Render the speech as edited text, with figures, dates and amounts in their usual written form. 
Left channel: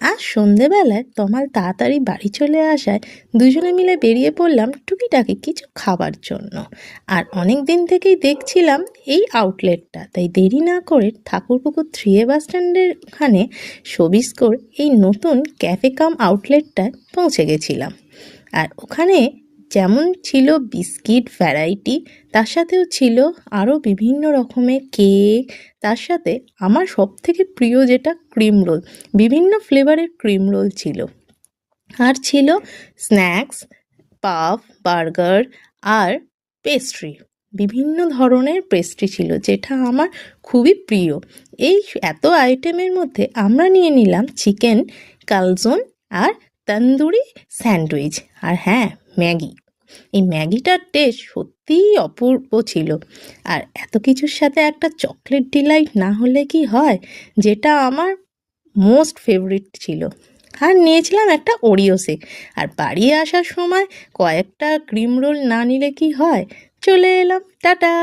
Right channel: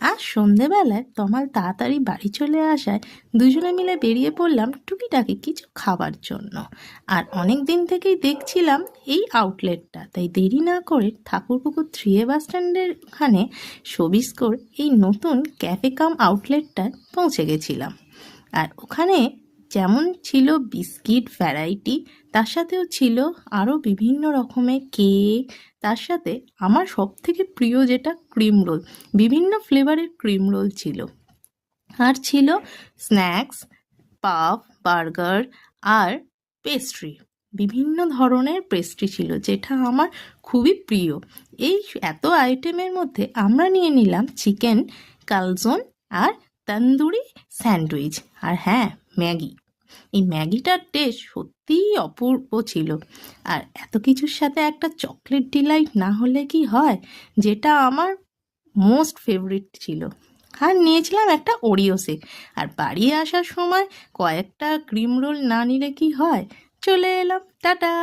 আজ সন্ধেবেলায় তমাল তাড়াতাড়ি বাড়ি চলে আসায় দুজনে মিলে বেরিয়ে পড়লাম টুকিটাকি কিছু খাবার জন্য। আর অনেক দিন থেকেই দেখছিলাম এই আউটলেটটা, তাই দেরি না করে ঠাকুরপুকুর 3A বাস স্ট্যান্ডের ওখানে সবিস্কর এই নতুন ক্যাফে কাম আউটলেটটায় পৌঁছে গেছিলাম। আর ওখানে যেমন ছিল বিস্কিট ভ্যারাইটি, তার সাথেও ছিল আরও বিভিন্ন রকমের কেক, তার সাথে আমার সবথেকে প্রিয় যেটা ক্রিম রোল, বিভিন্ন ফ্লেভারের ক্রিম রোল ছিল। আর ছিল স্ন্যাক্স, পাফ, বার্গার আর পেস্ট্রি, বিভিন্ন ধরনের পেস্ট্রি ছিল যেটা আমার খুবই প্রিয়। এই এত আইটেমের মধ্যে আমরা নিয়ে নিলাম চিকেন কালজোন আর তন্দুরি স্যান্ডউইচ, আর হ্যাঁ, ম্যাগি। এই ম্যাগিটার টেস্ট সত্যিই অপূর্ব ছিল। আর এত কিছুর সাথে একটা চকলেট ডিলাইট না হলে কি হয়, যেটা আমার মোস্ট ফেভারিট ছিল। আর নিয়েছিলাম একটা ওরিও শেক। আর বাড়ি আসার সময় কয়েকটা ক্রিম রোল না নিলে কি হয়, চলে এলাম, টাটা।